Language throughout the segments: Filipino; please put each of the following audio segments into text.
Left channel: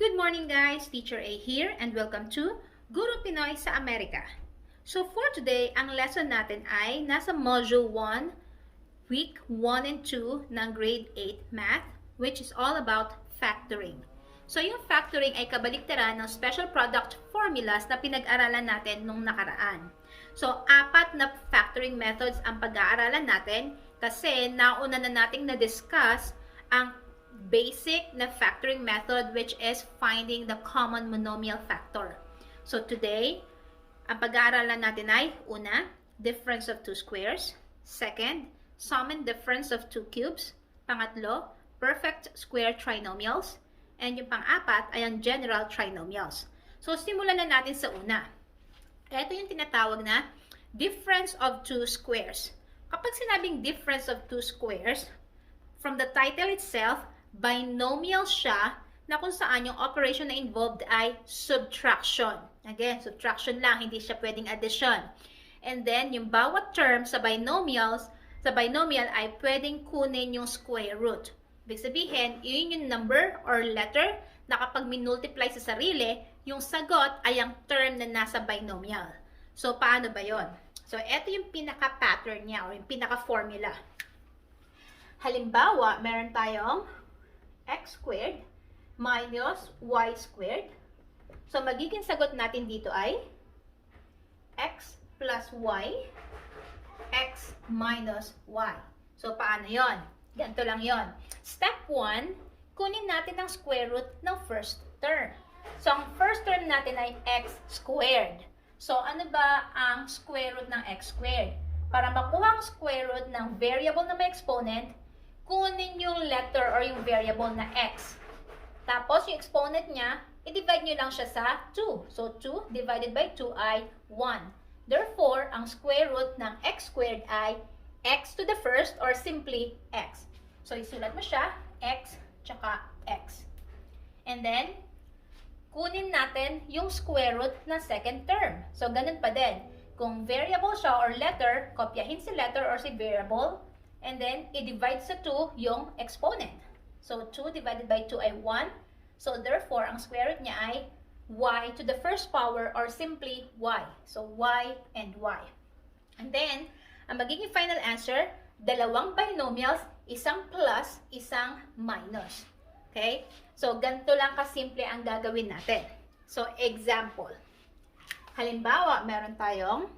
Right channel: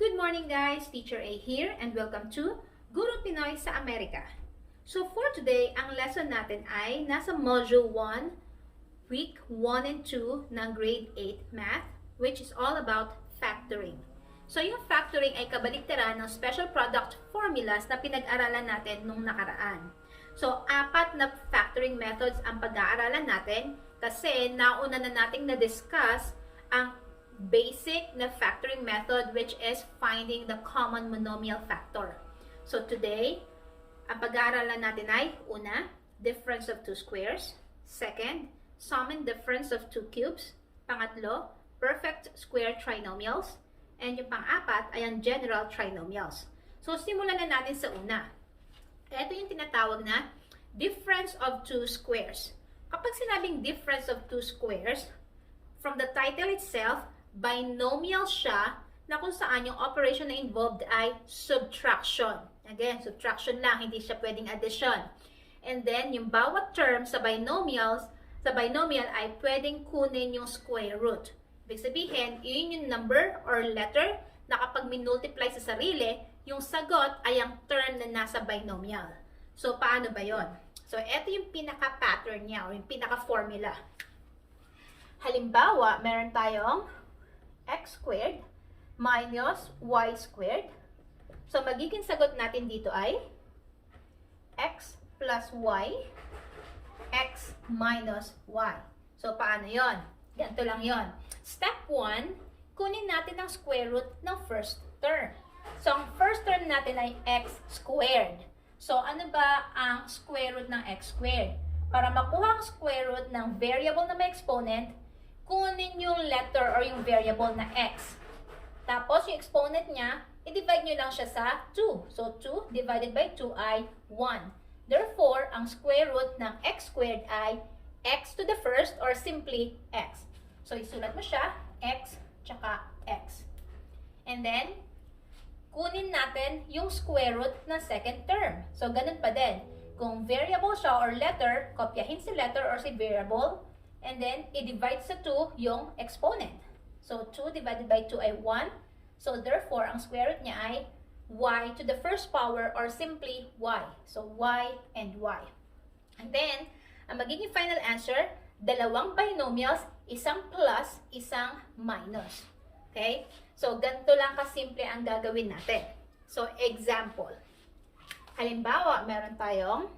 Good morning guys, Teacher A here and welcome to Guro Pinoy sa Amerika. So for today, ang lesson natin ay nasa Module 1, Week 1 and 2 ng Grade 8 Math, which is all about factoring. So yung factoring ay kabaligtaran ng special product formulas na pinag-aralan natin nung nakaraan. So 4 na factoring methods ang pag-aaralan natin kasi nauna na nating na-discuss ang basic na factoring method, which is finding the common monomial factor. So today, ang pag-aaralan natin ay una, difference of two squares. Second, sum and difference of two cubes. Pangatlo, perfect square trinomials. And yung pang-apat ay ang general trinomials. So simulan na natin sa una. Ito yung tinatawag na difference of two squares. Kapag sinabing difference of two squares, from the title itself, binomial siya na kung saan yung operation na involved ay subtraction. Again, subtraction lang, hindi siya pwedeng addition. And then, yung bawat term sa binomial ay pwedeng kunin yung square root. Ibig sabihin, yun yung number or letter na kapag minultiply sa sarili, yung sagot ay ang term na nasa binomial. So, paano ba yon? So, ito yung pinaka-pattern niya o yung pinaka-formula. Halimbawa, meron tayong x squared minus y squared. So, magiging sagot natin dito ay x plus y, x minus y. So, paano yon? Ganito lang yon. Step 1, kunin natin ang square root ng first term. So, ang first term natin ay x squared. So, ano ba ang square root ng x squared? Para makuha ang square root ng variable na may exponent, kunin yung letter or yung variable na x. Tapos, yung exponent niya, i-divide nyo lang siya sa 2. So, 2 divided by 2 ay 1. Therefore, ang square root ng x squared ay x to the first or simply x. So, isulat mo siya, x tsaka x. And then, kunin natin yung square root ng second term. So, ganun pa din. Kung variable siya or letter, kopyahin si letter or si variable, and then, i-divide sa 2 yung exponent. So, 2 divided by 2 ay 1. So, therefore, ang square root niya ay y to the first power or simply y. So, y and y. And then, ang magiging final answer, dalawang binomials, isang plus, isang minus. Okay? So, ganito lang kasimple ang gagawin natin. So, example. Halimbawa, meron tayong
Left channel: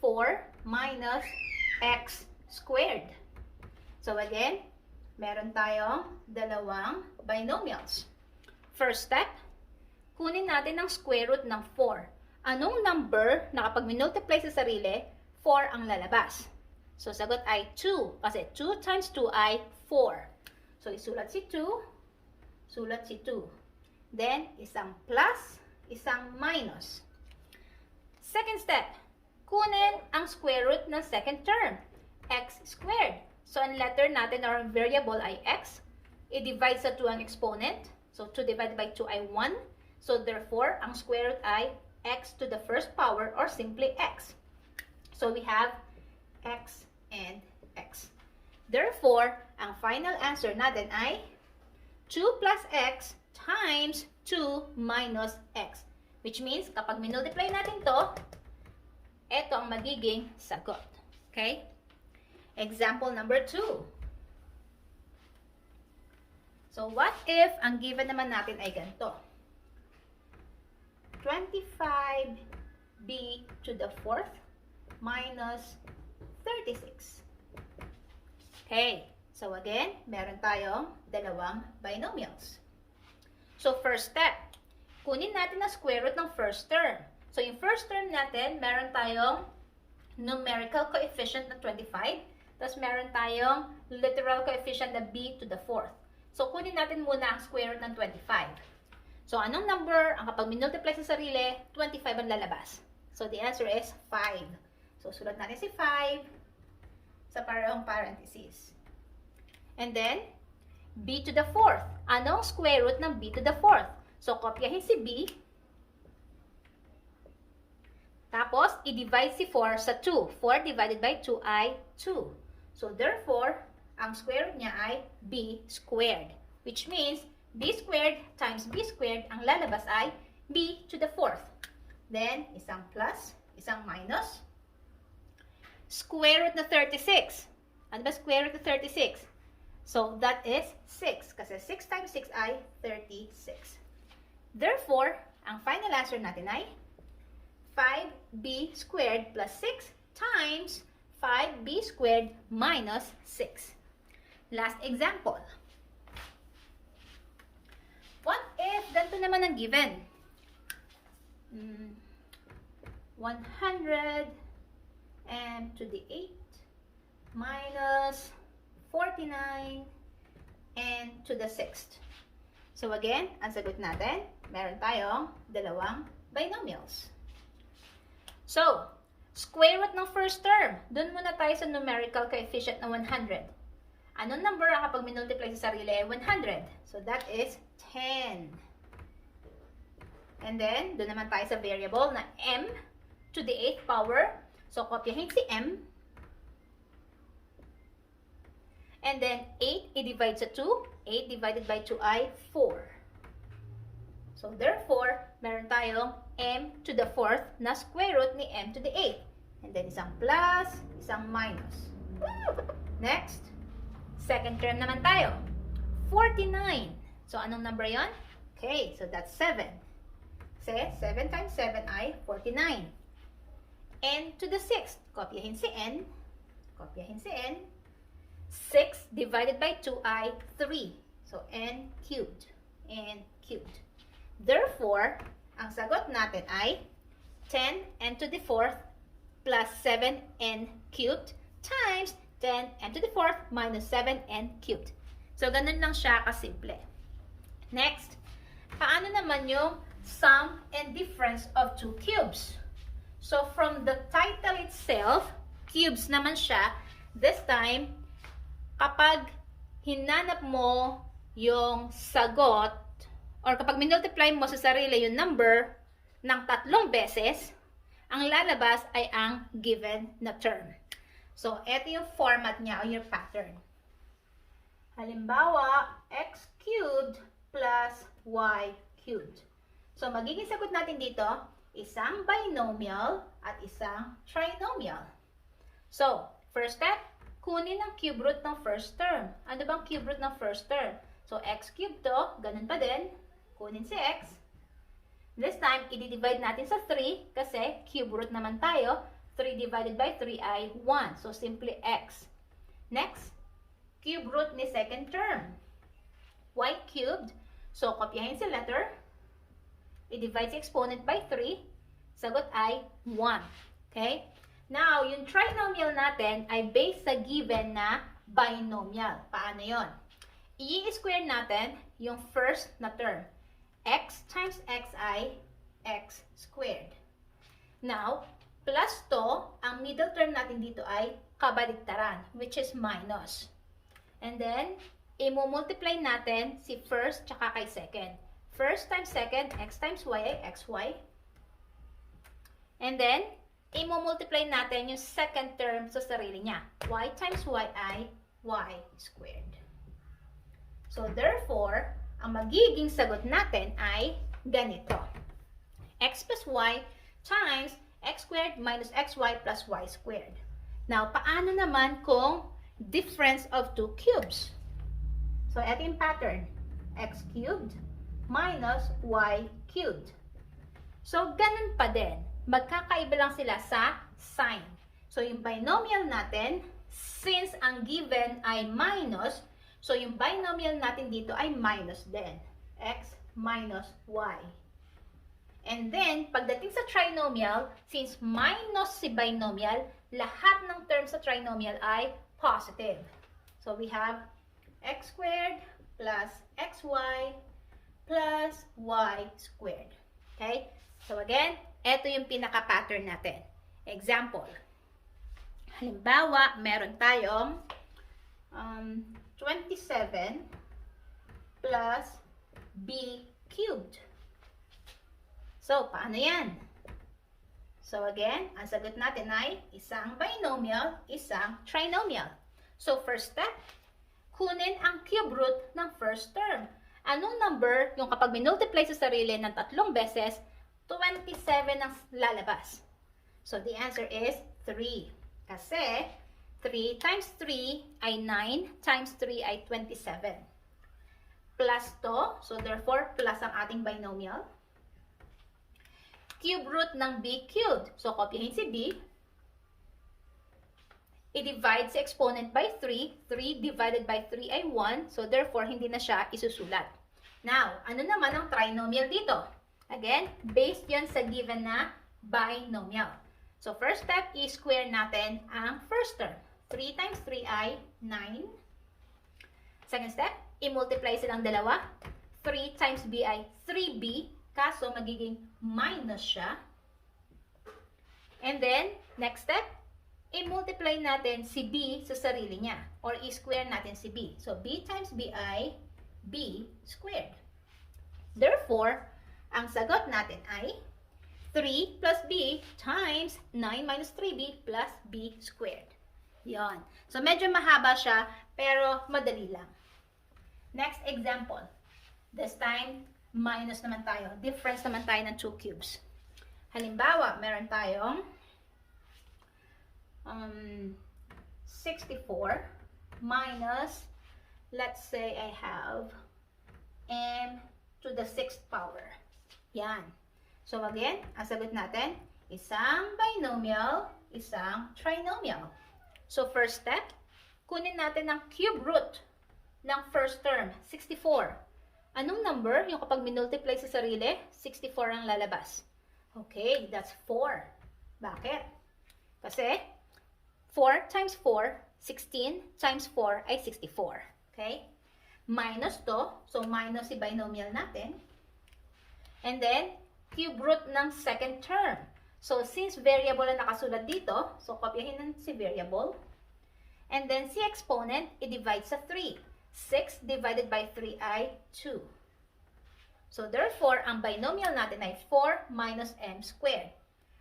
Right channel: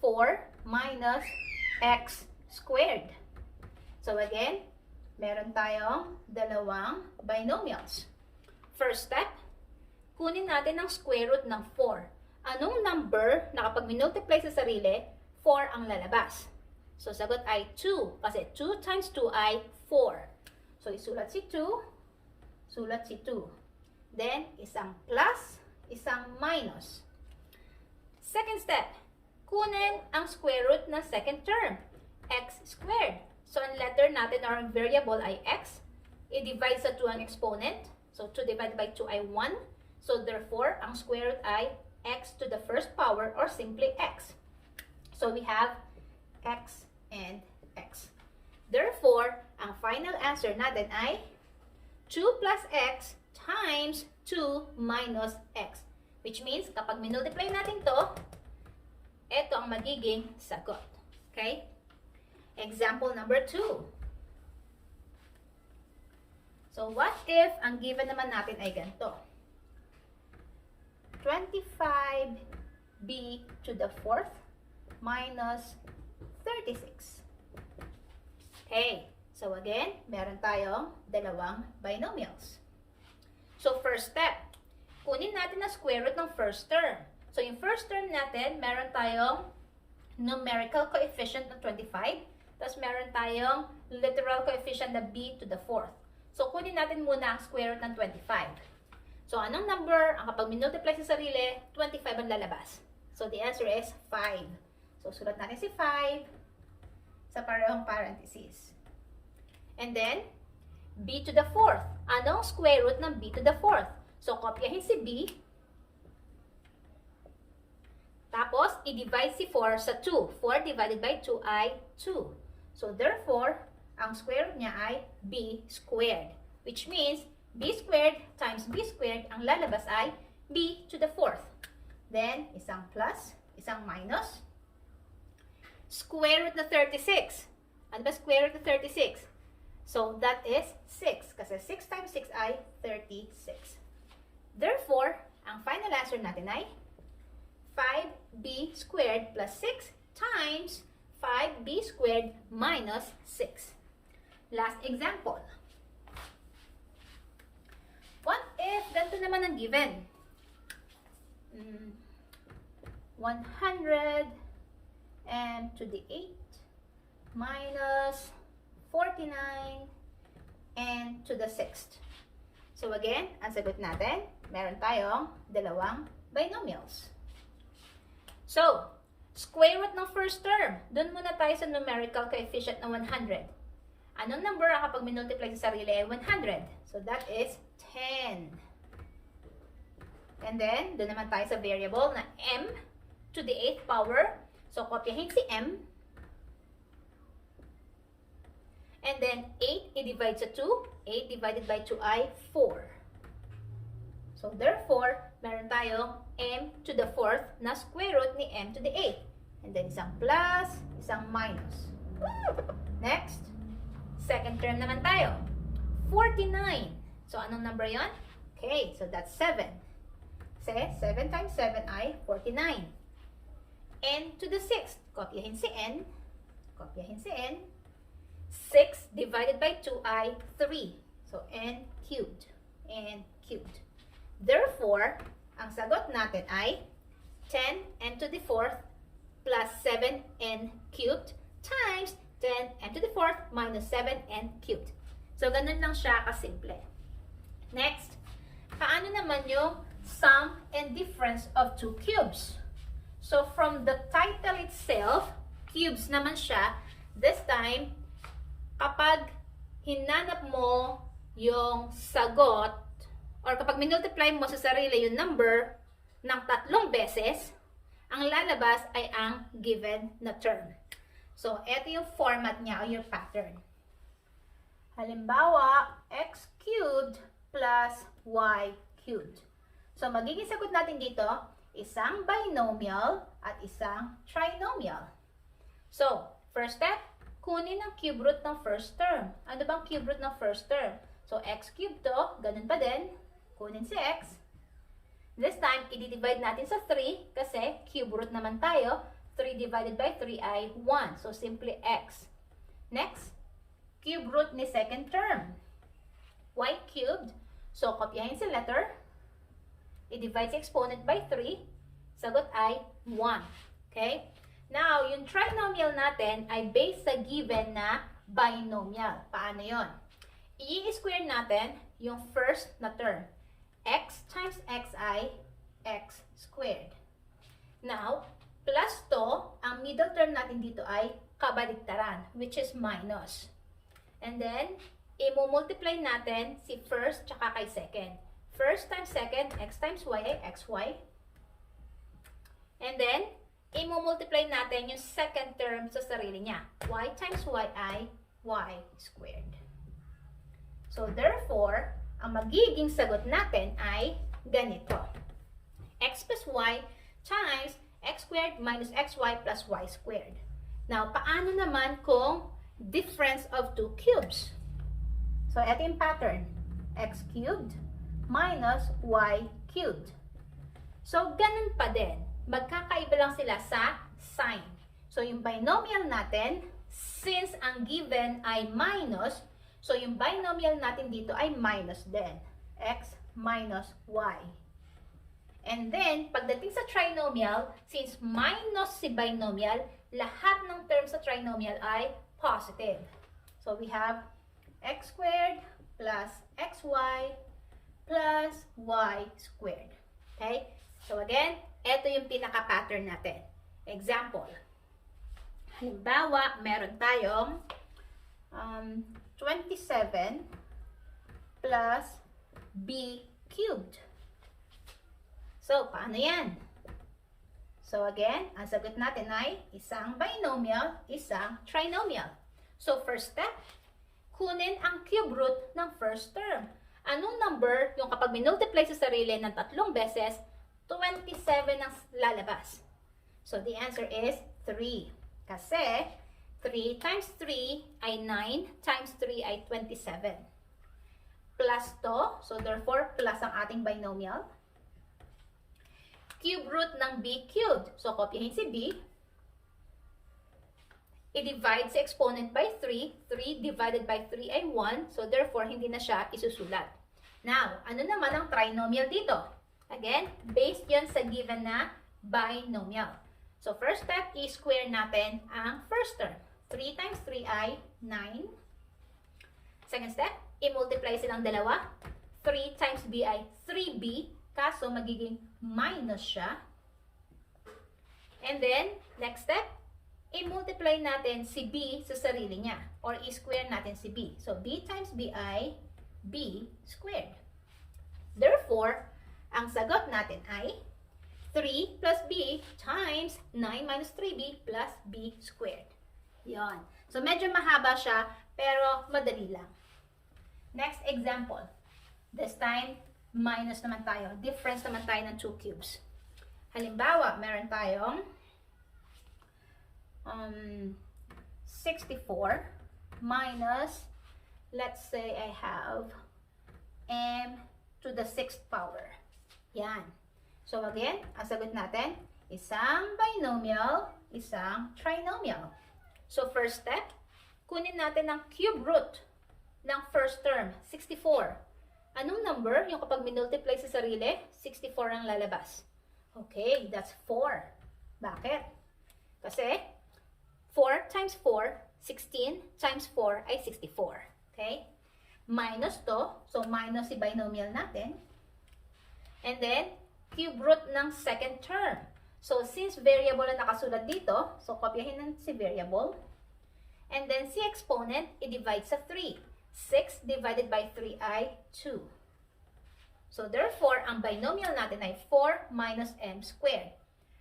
4 minus x squared. So again, meron tayong dalawang binomials. First step, kunin natin ang square root ng 4. Anong number na kapag minultiply sa sarili, 4 ang lalabas? So sagot ay 2 kasi 2 times 2 ay 4. So isulat si 2, sulat si 2. Then, isang plus, isang minus. Second step, kunin ang square root ng second term, x squared. So, ang letter natin or ang variable ay x. I-divide sa 2 ang exponent. So, 2 divided by 2 ay 1. So, therefore, ang square root ay x to the first power or simply x. So, we have x and x. Therefore, ang final answer natin ay 2 plus x times 2 minus x. Which means, kapag minultiply natin to, ito ang magiging sagot. Okay? Example number 2. So, what if ang given naman natin ay ganito? 25b to the 4th minus 36. Okay. So, again, meron tayong dalawang binomials. So, first step, kunin natin ang square root ng first term. So, yung first term natin, meron tayong numerical coefficient na 25, tapos meron tayong literal coefficient na b to the 4th. So, kunin natin muna ang square root ng 25. So, anong number, ang kapag minultiply sa sarili, 25 ang lalabas. So, the answer is 5. So, sulat natin si 5 sa parehong parentheses. And then, b to the 4th. Anong square root ng b to the 4th? So, kopyahin si b. Tapos, i-divide si 4 sa 2. 4 divided by 2 ay 2. So, therefore, ang square root niya ay b squared. Which means, b squared times b squared, ang lalabas ay b to the fourth. Then, isang plus, isang minus. Square root na 36. Ano ba square root na 36? So, that is 6. Kasi 6 times 6 ay 36. Therefore, ang final answer natin ay 5b squared plus 6 times 5b squared minus 6. Last example. What if ganito naman ang given? 100 and to the 8 minus 49 and to the 6th. So again, ang sagot natin, meron tayong dalawang binomials. So, square root ng first term. Doon muna tayo sa numerical coefficient ng 100. Anong number ang kapag minultiply sa sarili ay 100? So that is 10. And then, doon naman tayo sa variable na m to the 8th power. So, kopyahin si m. And then, 8 i-divide sa 2. 8 divided by 2 ay 4. So, therefore, meron tayong m to the 4th na square root ni m to the 8th. And then, isang plus, isang minus. Next, second term naman tayo. 49. So, anong number yon? Okay, so that's 7. Kasi 7 times 7 ay 49. N to the 6th. Kopyahin si n. Kopyahin si n. 6 divided by 2 ay 3. So, n cubed. N cubed. Therefore, ang sagot natin ay 10n to the 4th plus 7n cubed times 10n to the 4th minus 7n cubed. So, ganun lang siya kasimple. Next, paano naman yung sum and difference of two cubes? So, from the title itself, cubes naman siya. This time, kapag hinanap mo yung sagot, or kapag minultiply mo sa sarili yung number ng 3 beses, ang lalabas ay ang given na term. So, ito yung format niya o yung pattern. Halimbawa, x cubed plus y cubed. So, magiging sagot natin dito, isang binomial at isang trinomial. So, first step, kunin ang cube root ng first term. Ano bang cube root ng first term? So, x cubed to, ganun pa din. Kunin si x. This time, i-divide natin sa 3 kasi cube root naman tayo. 3 divided by 3 ay 1. So, simply x. Next, cube root ni second term. Y cubed. So, kopyahin si letter. I-divide sa exponent by 3. Sagot ay 1. Okay? Now, yung trinomial natin ay based sa given na binomial. Paano yon? I-square natin yung first na term. X times x ay x squared. Now, plus to, ang middle term natin dito ay kabaligtaran, which is minus. And then, i-multiply natin si first tsaka kay second. First times second, x times y ay xy. And then, i-multiply natin yung second term sa sarili niya. Y times y ay y squared. So, therefore, ang magiging sagot natin ay ganito. X plus y times x squared minus xy plus y squared. Now, paano naman kung difference of two cubes? So, ito yung pattern. X cubed minus y cubed. So, ganun pa din. Magkakaiba lang sila sa sign. So, yung binomial natin, since ang given ay minus, so yung binomial natin dito ay minus din. X minus y. And then, pagdating sa trinomial, since minus si binomial, lahat ng terms sa trinomial ay positive. So, we have x squared plus xy plus y squared. Okay? So, again, ito yung pinaka-pattern natin. Example. Halimbawa, meron tayong 27 plus b cubed. So, paano yan? So, again, ang sagot natin ay isang binomial, isang trinomial. So, first step, kunin ang cube root ng first term. Anong number yung kapag minultiply sa sarili ng 3 beses, 27 ang lalabas? So, the answer is 3. Kasi, 3 times 3 ay 9 times 3 ay 27. Plus to, so therefore, plus ang ating binomial. Cube root ng b cubed. So, kopyahin si b. I-divide si exponent by 3. 3 divided by 3 ay 1. So, therefore, hindi na siya isusulat. Now, ano naman ang trinomial dito? Again, based yan sa given na binomial. So, first step, i-square natin ang first term. 3 times 3 ay 9. Second step, i-multiply silang dalawa. 3 times b ay 3b. Kaso, magiging minus siya. And then, next step, i-multiply natin si b sa sarili niya. Or i-square natin si b. So, b times b ay b squared. Therefore, ang sagot natin ay 3 plus b times 9 minus 3b plus b squared. Yon. So, medyo mahaba siya, pero madali lang. Next example. This time, minus naman tayo. Difference naman tayo ng 2 cubes. Halimbawa, meron tayong 64 minus, let's say I have m to the 6th power. Yan. So again, ang sagot natin, isang binomial, isang trinomial. So first step, kunin natin ang cube root ng first term, 64. Anong number? Yung kapag minultiply sa sarili, 64 ang lalabas. Okay, that's 4. Bakit? Kasi 4 times 4, 16 times 4 ay 64. Okay? Minus to, so minus si binomial natin. And then, cube root ng second term. So, since variable na nakasulat dito, so kopyahin ng si variable. And then, si exponent, i-divide sa 3. 6 divided by 3 ay 2. So, therefore, ang binomial natin ay 4 minus m squared.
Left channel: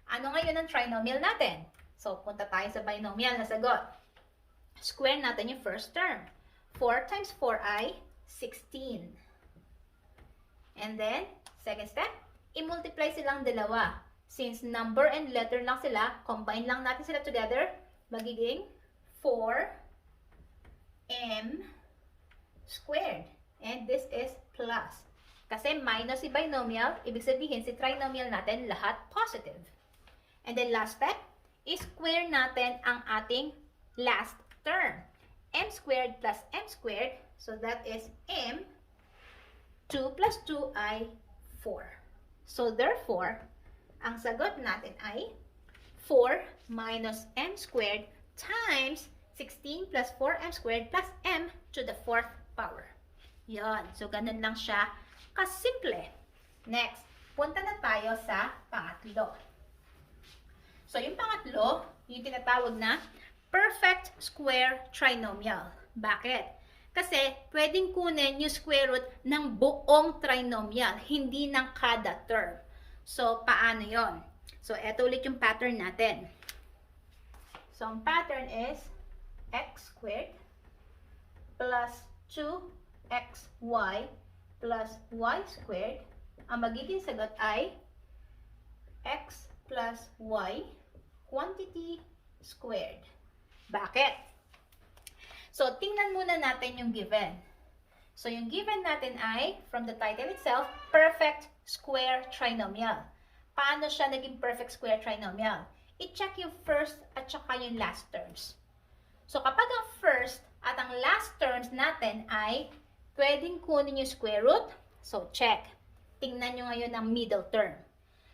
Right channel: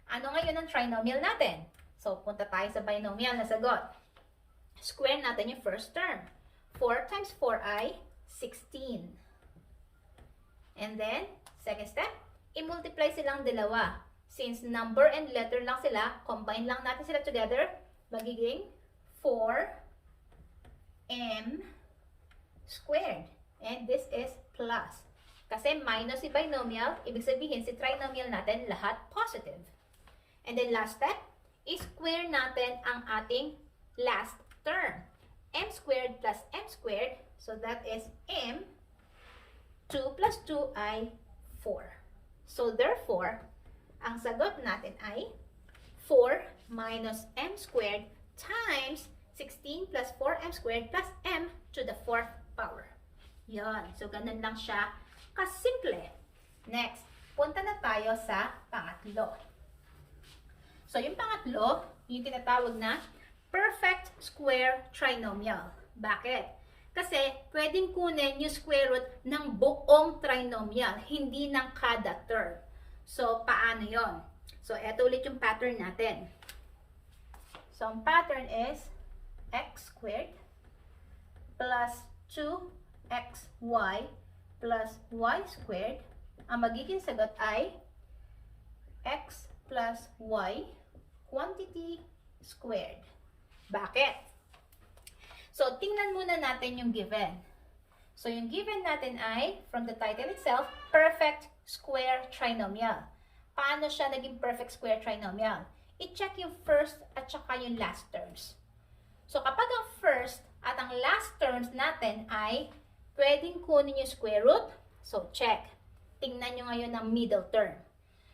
Ano ngayon ang trinomial natin? So, punta tayo sa binomial na sagot. Square natin yung first term. 4 times 4 ay 16. And then, second step, i-multiply silang dalawa. Since number and letter lang sila, combine lang natin sila together, magiging 4m squared. And this is plus. Kasi minus si binomial, ibig sabihin si trinomial natin lahat positive. And then last step, i-square natin ang ating last term. M squared plus m squared, so that is m. 2 plus 2 ay 4. So therefore, ang sagot natin ay 4 minus m squared times 16 plus 4m squared plus m to the 4th power. Yan. So, ganun lang siya kasimple. Next, punta na tayo sa pangatlo. So, yung pangatlo, yung tinatawag na perfect square trinomial. Bakit? Kasi, pwedeng kunin yung square root ng buong trinomial, hindi ng kada term. So, paano yon? So, eto ulit yung pattern natin. So, ang pattern is x squared plus 2xy plus y squared. Ang magiging sagot ay x plus y quantity squared. Bakit? So, tingnan muna natin yung given. So, yung given natin ay, from the title itself, perfect square trinomial. Paano siya naging perfect square trinomial? I-check yung first at saka yung last terms. So, kapag ang first at ang last terms natin ay pwedeng kunin yung square root, so check. Tingnan nyo ngayon ang middle term.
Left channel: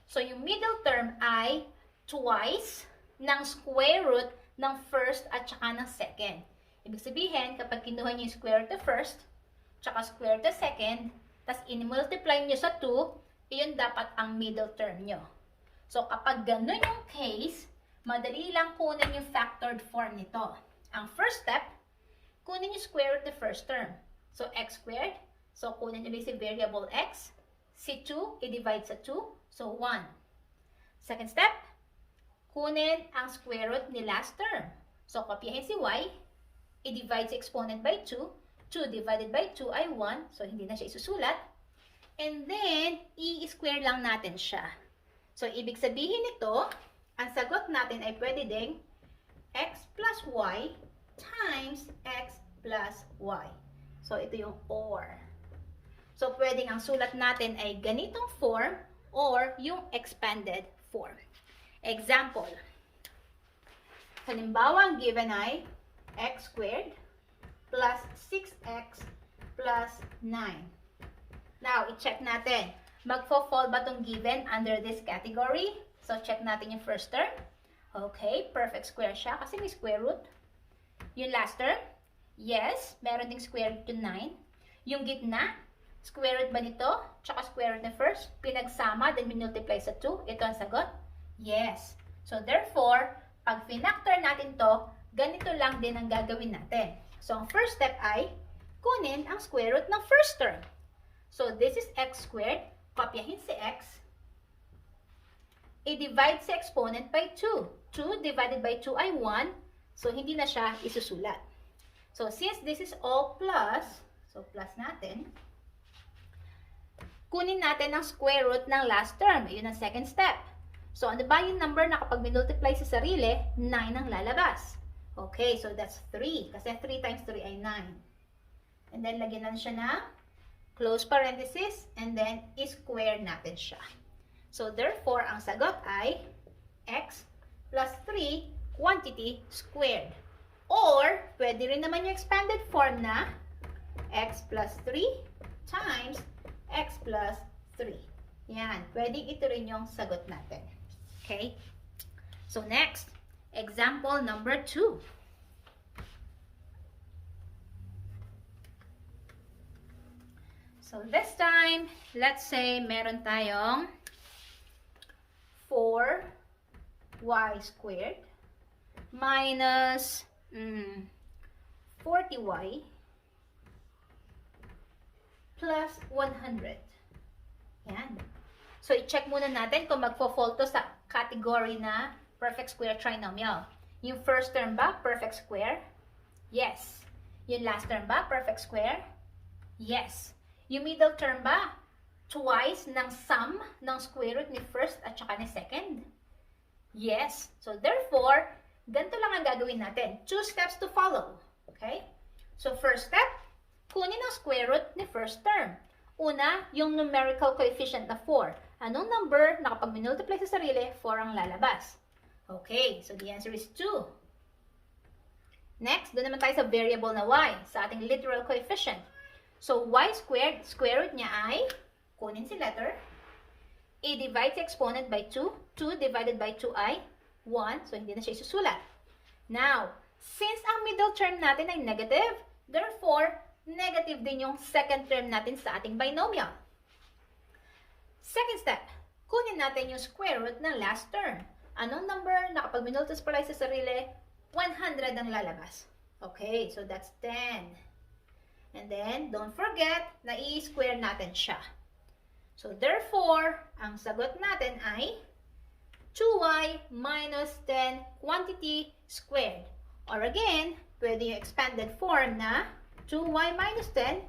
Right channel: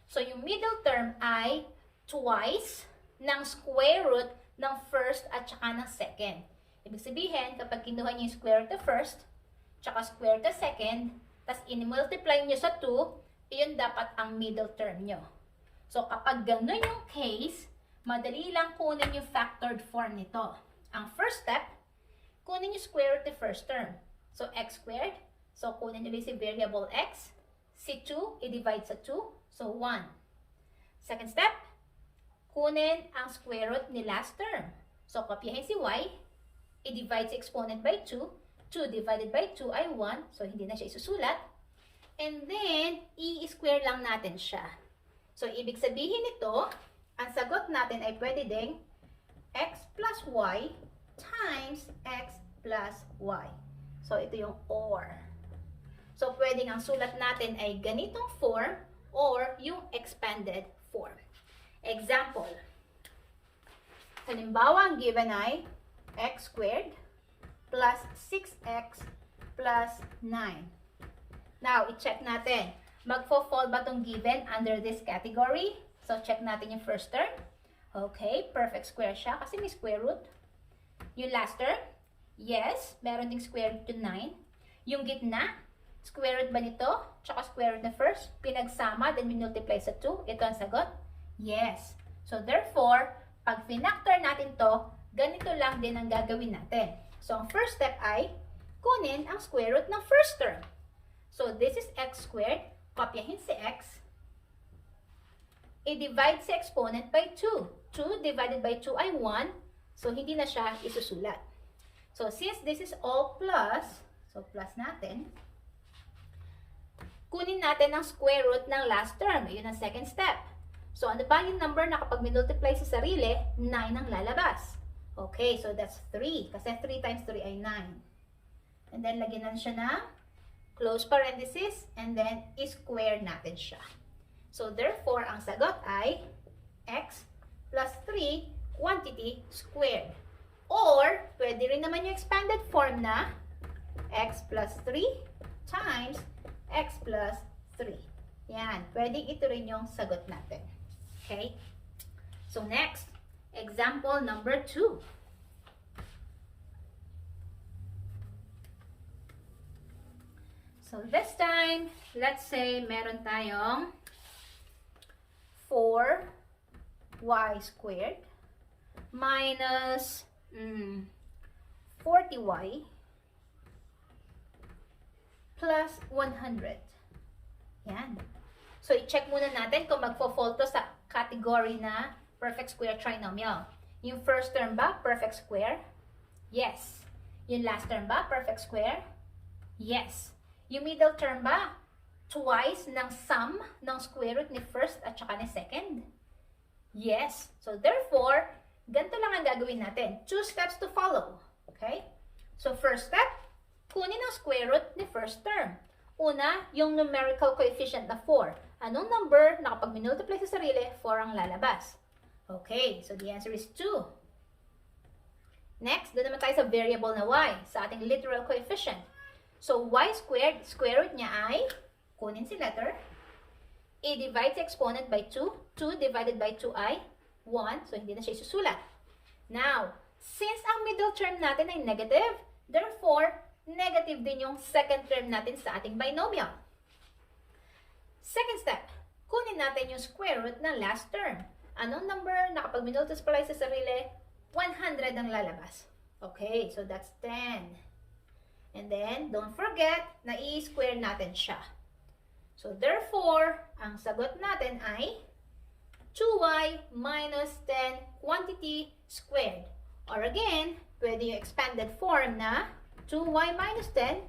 So, yung middle term ay twice ng square root ng first at saka ng second. Ibig sabihin, kapag kinuha nyo yung square root of first, tsaka square root of second, tas in-multiply nyo sa 2, iyon dapat ang middle term nyo. So, kapag ganun yung case, madali lang kunin yung factored form nito. Ang first step, kunin yung square root of the first term. So, x squared. So, kunin nyo basic variable x. Si 2, i-divide sa 2. So, 1. Second step, kunin ang square root ni last term. So, kopyahin si y. I-divide si exponent by 2. 2 divided by 2 ay 1. So, hindi na siya isusulat. And then, i-square lang natin siya. So, ibig sabihin nito, ang sagot natin ay pwede ding x plus y times x plus y. So, ito yung or. So, pwedeng ang sulat natin ay ganitong form or yung expanded form. Example. Halimbawa, ang given ay x squared plus 6x plus 9. Now, i-check natin. Magfo-fall ba itong given under this category? So, check natin yung first term. Okay, perfect square siya kasi may square root. Yung last term, yes, meron ding square root yung 9. Yung gitna, square root ba nito? Tsaka square root na first, pinagsama, then minultiply sa 2. Ito ang sagot? Yes. So, therefore, pag pinactor natin to, ganito lang din ang gagawin natin. So, ang first step ay kunin ang square root ng first term. So, this is x squared. Kopyahin si x. I-divide si exponent by 2. 2 divided by 2 ay 1. So, hindi na siya isusulat. So, since this is all plus, so plus natin, kunin natin ang square root ng last term. Yun ang second step. So, ano ba yung number na kapag minultiply sa sarili, 9 ang lalabas? Okay, so that's 3. Kasi 3 times 3 ay 9. And then, lagyan na siya na close parenthesis, and then, i-square natin siya. So, therefore, ang sagot ay x plus 3 quantity squared. Or, pwede rin naman yung expanded form na x plus 3 times x plus 3. Yan, pwedeng ito rin yung sagot natin. Okay? So, next, example number 2. So, this time, let's say meron tayong 4y squared minus 40y plus 100. Yan. So, i-check muna natin kung magfo-fall to sa category na perfect square trinomial. Yung first term ba, perfect square? Yes. Yung last term ba, perfect square? Yes. Yung middle term ba, twice ng sum ng square root ni first at saka ni second? Yes. So, therefore, ganito lang ang gagawin natin. 2 steps to follow. Okay? So, first step, kunin ang square root ni first term. Una, yung numerical coefficient na 4. Anong number na kapag minultiply sa sarili, 4 ang lalabas? Okay. So, the answer is 2. Next, doon naman tayo sa variable na y, sa ating literal coefficient. So, y squared, square root niya ay, kunin si letter, i-divide si exponent by 2. 2 divided by 2 ay 1. So, hindi na siya isusulat. Now, since ang middle term natin ay negative, therefore, negative din yung second term natin sa ating binomial. Second step, kunin natin yung square root ng last term. Anong number na kapag minultiply sa sarili, 100 ang lalabas. Okay, so that's 10. And then, don't forget na i-square natin siya. So, therefore, ang sagot natin ay 2y minus 10 quantity squared. Or again, pwede yung expanded form na 2y minus 10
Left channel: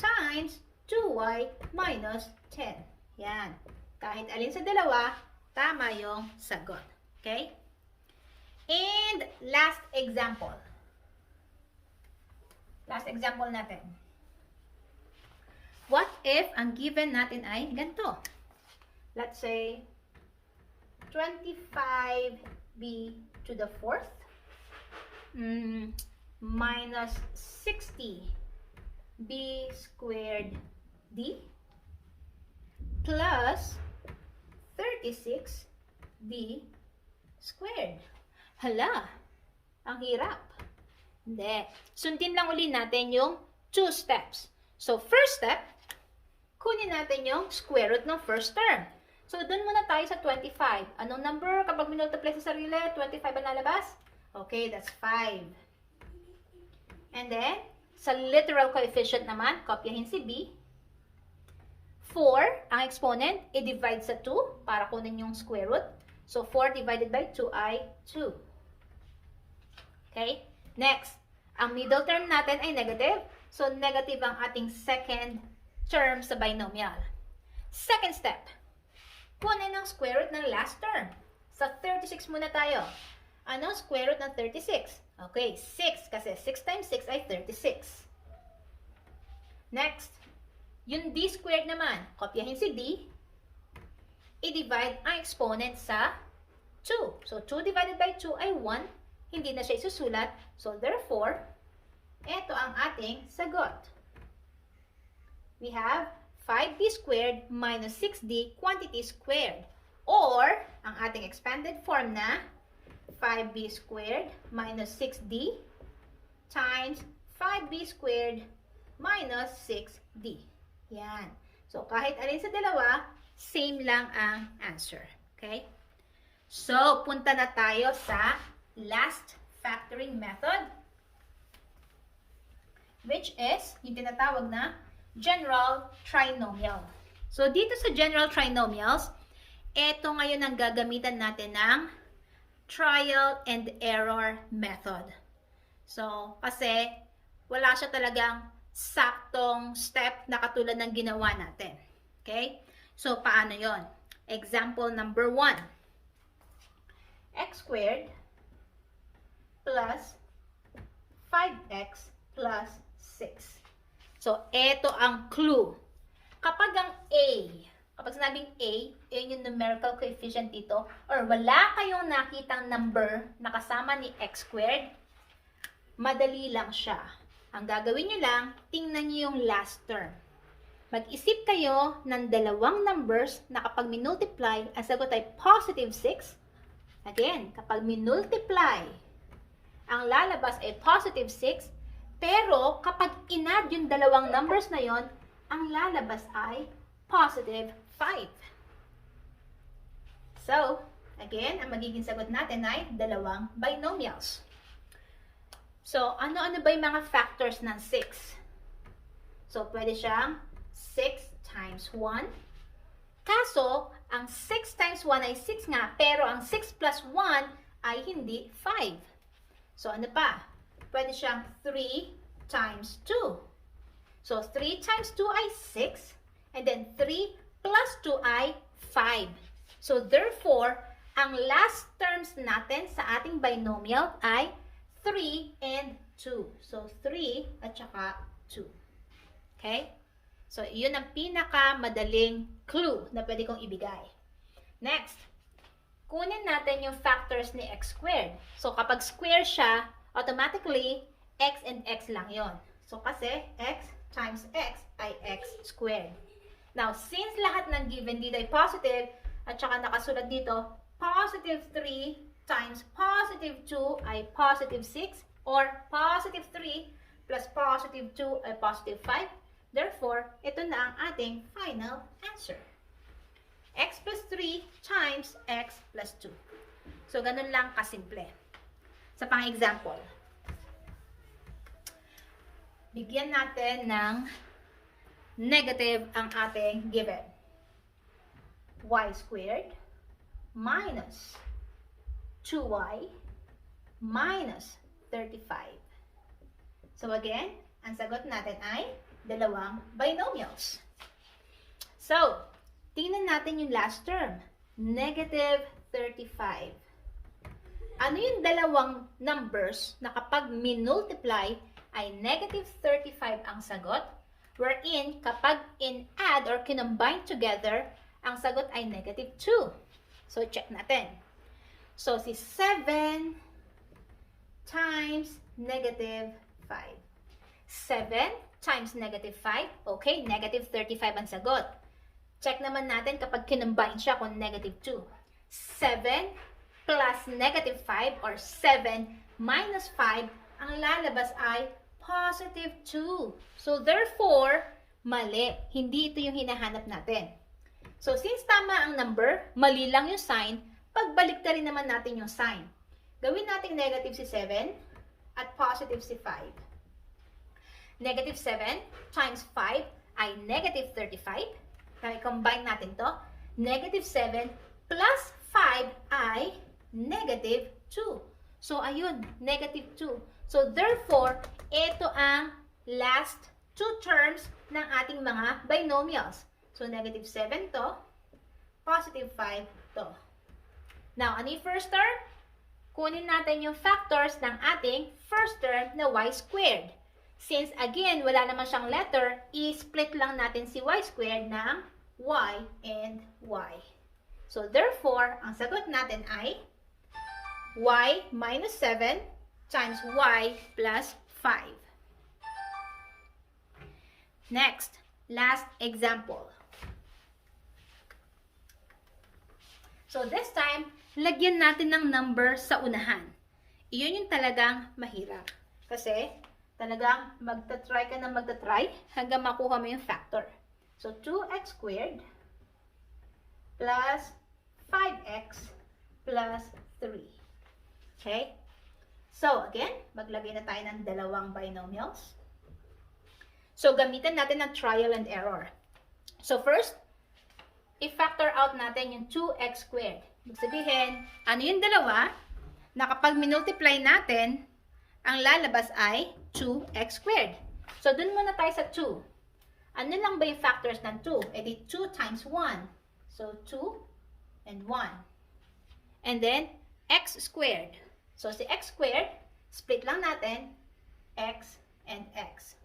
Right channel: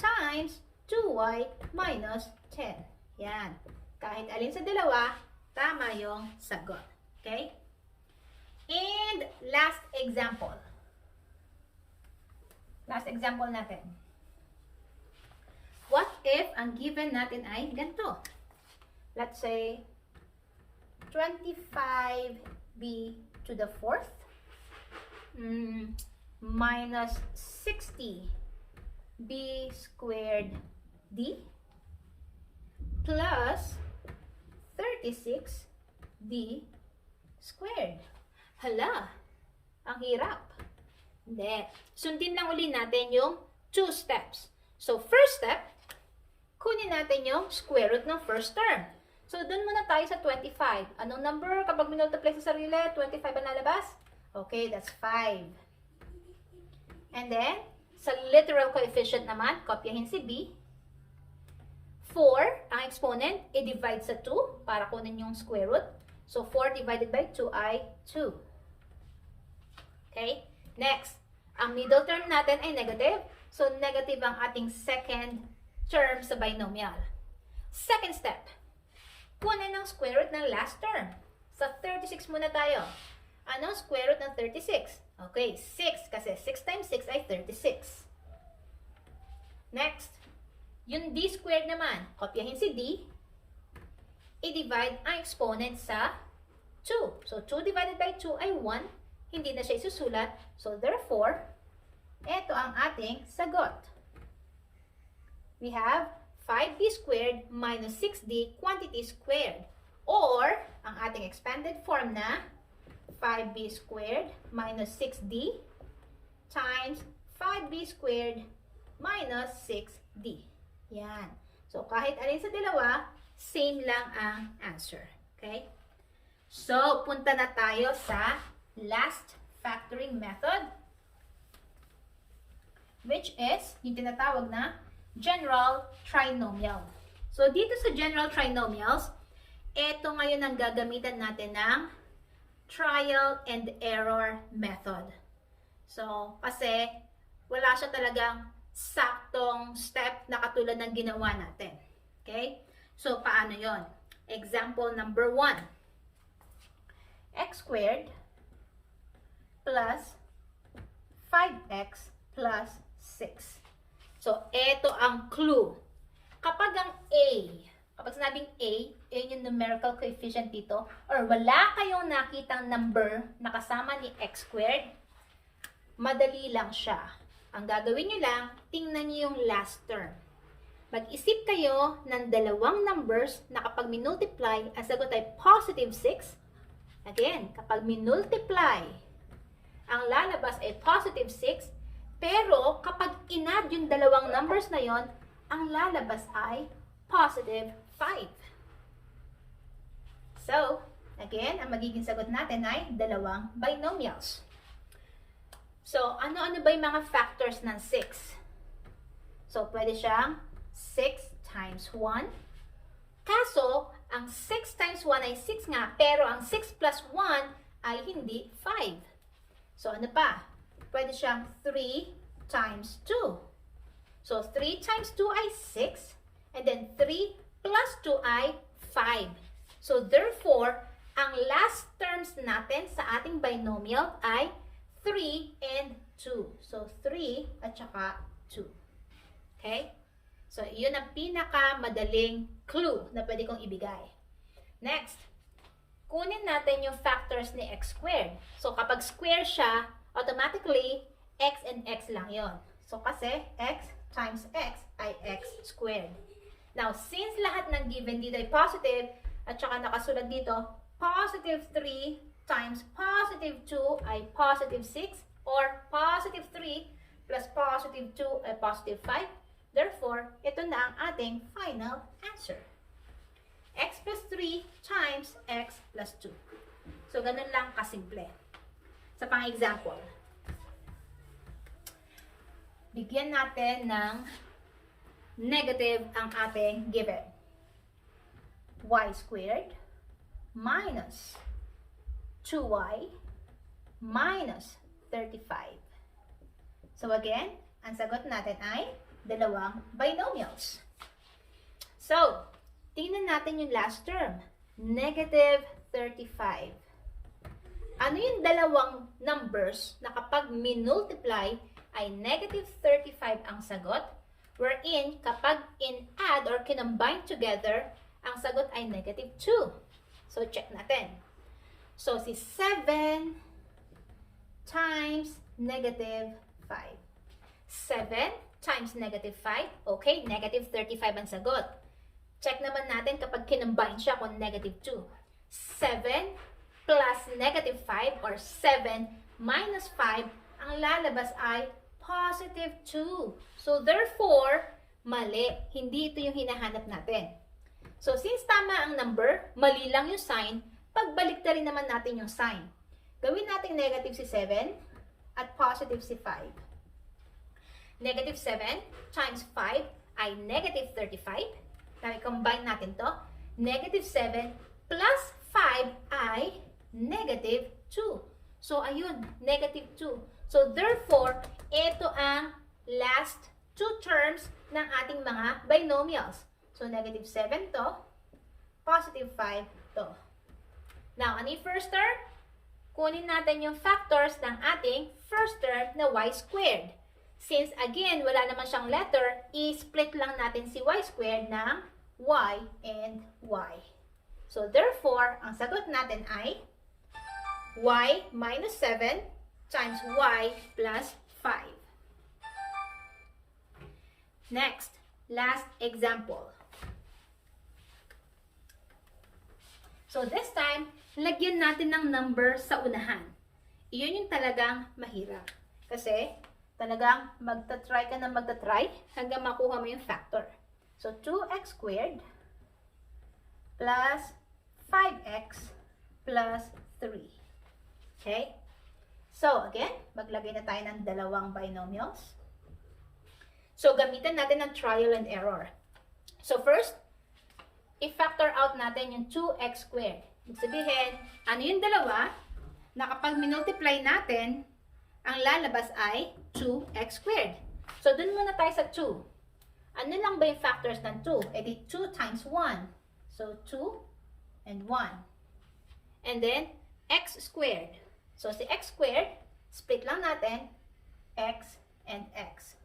times 2y minus 10. Yan. Kahit alin sa dalawa, tama yung sagot. Okay? And last example. Last example natin. What if ang given natin ay ganito? Let's say 25b to the fourth minus 60b squared d plus 36d squared. Hala, ang hirap. Hindi. Sundin lang uli natin yung 2 steps. So, first step, kunin natin yung square root ng first term. So, dun muna tayo sa 25. Anong number kapag minultiply sa sarili? 25 ang lalabas? Okay, that's 5. And then, sa literal coefficient naman, kopyahin si b. 4, ang exponent, i-divide sa 2 para kunin yung square root. So, 4 divided by 2 ay 2. Okay? Next, ang middle term natin ay negative. So, negative ang ating second term sa binomial. Second step, kunin ang square root ng last term. Sa 36 muna tayo. Ano ang square root ng 36? Okay, 6 kasi 6 times 6 ay 36. Next, yung d squared naman, kopyahin si d, i-divide ang exponent sa 2. So, 2 divided by 2 ay 1. Hindi na siya isusulat. So, therefore, ito ang ating sagot. We have 5d squared minus 6d quantity squared. Or, ang ating expanded form na 5b squared minus 6d times 5b squared minus 6d. Yan. So, kahit alin sa dalawa, same lang ang answer. Okay? So, punta na tayo sa last factoring method, which is yung tinatawag na general trinomial. So, dito sa general trinomials, ito ngayon ang gagamitan natin ng trial and error method. So, kasi wala siya talagang saktong step na katulad ng ginawa natin. Okay? So, paano yon? Example number 1. X squared plus 5x plus 6. So, ito ang clue. Kapag ang A, kapag sinabing A yung numerical coefficient dito, or wala kayong nakitang number na kasama ni x squared, madali lang siya. Ang gagawin nyo lang, tingnan nyo yung last term. Mag-isip kayo ng dalawang numbers na kapag minultiply, ang sagot ay positive 6. Again, kapag minultiply, ang lalabas ay positive 6. Pero kapag in-add yung dalawang numbers na yon, ang lalabas ay positive 5. So, again, ang magiging sagot natin ay dalawang binomials. So, ano-ano ba yung mga factors ng 6? So, pwede siyang 6 times 1. Kaso, ang 6 times 1 ay 6 nga, pero ang 6 plus 1 ay hindi 5. So, ano pa? Pwede siyang 3 times 2. So, 3 times 2 ay 6. And then, 3 plus 2 ay 5. So, therefore, ang last terms natin sa ating binomial ay 3 and 2. So, 3 at saka 2. Okay? So, yun ang pinakamadaling clue na pwede kong ibigay. Next, kunin natin yung factors ni x squared. So, kapag square siya, automatically, x and x lang yon. So, kasi x times x ay x squared. Now, since lahat ng given dito ay positive, at saka nakasulat dito, positive 3 times positive 2 ay positive 6, or positive 3 plus positive 2 ay positive 5. Therefore, ito na ang ating final answer. X plus 3 times x plus 2. So, ganun lang kasimple. Sa pang-example, bigyan natin ng negative ang ating given. Y squared minus 2y minus 35. So, again, ang sagot natin ay dalawang binomials. So, tingnan natin yung last term. Negative 35. Ano yung dalawang numbers na kapag minultiply ay negative 35 ang sagot? Wherein, kapag in-add or kinombine together, ang sagot ay negative 2. So, check natin. So, si 7 times negative 5. 7 times negative 5. Okay, negative 35 ang sagot. Check naman natin kapag kinombine siya kung negative 2. 7 plus negative 5 or 7 minus 5, ang lalabas ay positive 2. So, therefore, mali. Hindi ito yung hinahanap natin. So, since tama ang number, mali lang yung sign, pagbalik rin naman natin yung sign. Gawin natin negative si 7 at positive si 5. Negative 7 times 5 ay negative 35. Kaya combine natin to. Negative 7 plus 5 ay negative 2. So, ayun, negative 2. So, therefore, ito ang last two terms ng ating mga binomials. So, negative 7 to, positive 5 to. Now, ano yung first term? Kunin natin yung factors ng ating first term na y squared. Since, again, wala naman siyang letter, i-split lang natin si y squared ng y and y. So, therefore, ang sagot natin ay y minus 7 times y plus 5. Next, last example. So, this time, lagyan natin ng number sa unahan. Iyon yung talagang mahirap. Kasi, talagang magta-try ka na magta-try hanggang makuha mo yung factor. So, 2x squared plus 5x plus 3. Okay? So, again, maglagay na tayo ng dalawang binomials. So, gamitan natin ng trial and error. So, first, i-factor out natin yung 2x squared. Ibig sabihin, ano yung dalawa na kapag minultiply natin, ang lalabas ay 2x squared. So, dun muna tayo sa 2. Ano lang ba yung factors ng 2? E di 2 times 1. So, 2 and 1. And then, x squared. So, si x squared, split lang natin, x and x.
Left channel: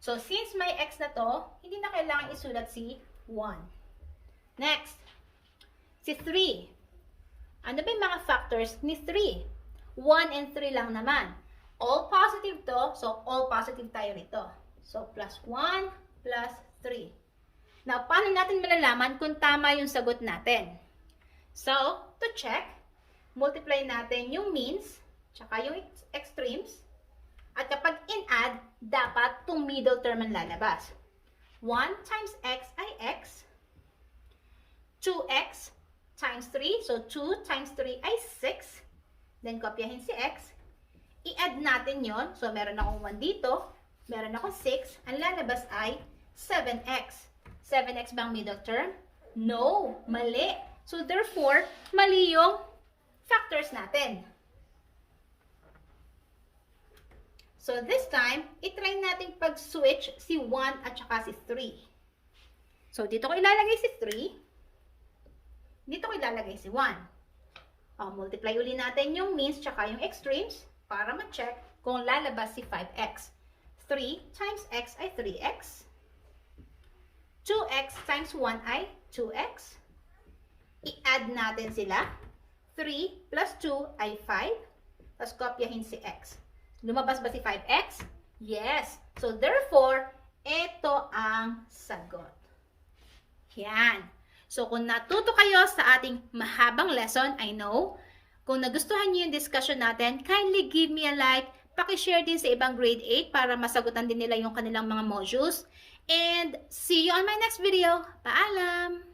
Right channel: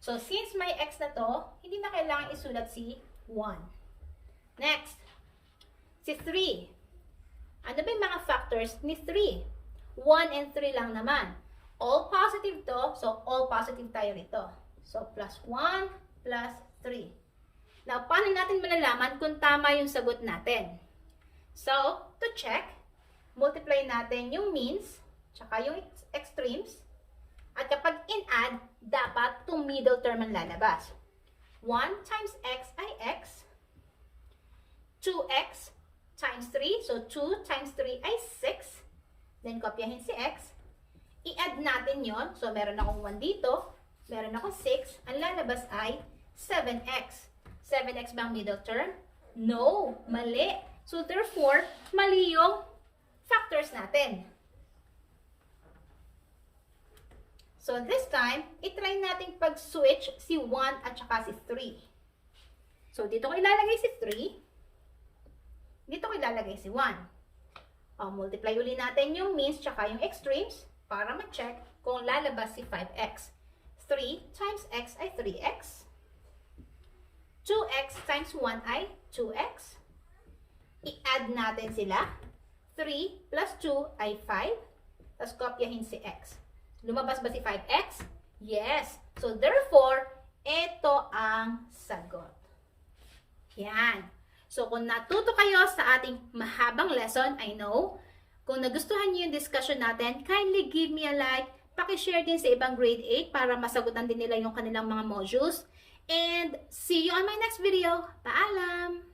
So, since may x na to, hindi na kailangan isulat si 1. Next, si 3. Ano ba yung mga factors ni 3? 1 and 3 lang naman. All positive to, so all positive tayo rito. So, plus 1 plus 3. Now, paano natin malalaman kung tama yung sagot natin? So, to check, multiply natin yung means, tsaka yung extremes, at kapag in-add, dapat itong middle term ang lalabas. 1 times x ay x, 2x times 3. So, 2 times 3 ay 6. Then, kopyahin si x. I-add natin yon. So, meron akong 1 dito. Meron akong 6. Ang lalabas ay 7x. 7x bang middle term? No. Mali. So, therefore, mali yung factors natin. So, this time, itry natin pag-switch si 1 at saka si 3. So, dito ko ilalagay si 3. Dito ko ilalagay si 1. Multiply uli natin yung means tsaka yung extremes para ma-check kung lalabas si 5x. 3 times x ay 3x. 2x times 1 ay 2x. I-add natin sila. 3 plus 2 ay 5. Tapos kopyahin si x. Lumabas ba si 5x? Yes. So, therefore, ito ang sagot. Yan. So, kung natuto kayo sa ating mahabang lesson, I know, kung nagustuhan niyo yung discussion natin, kindly give me a like, pakishare din sa ibang grade 8 para masagutan din nila yung kanilang mga modules. And see you on my next video. Paalam!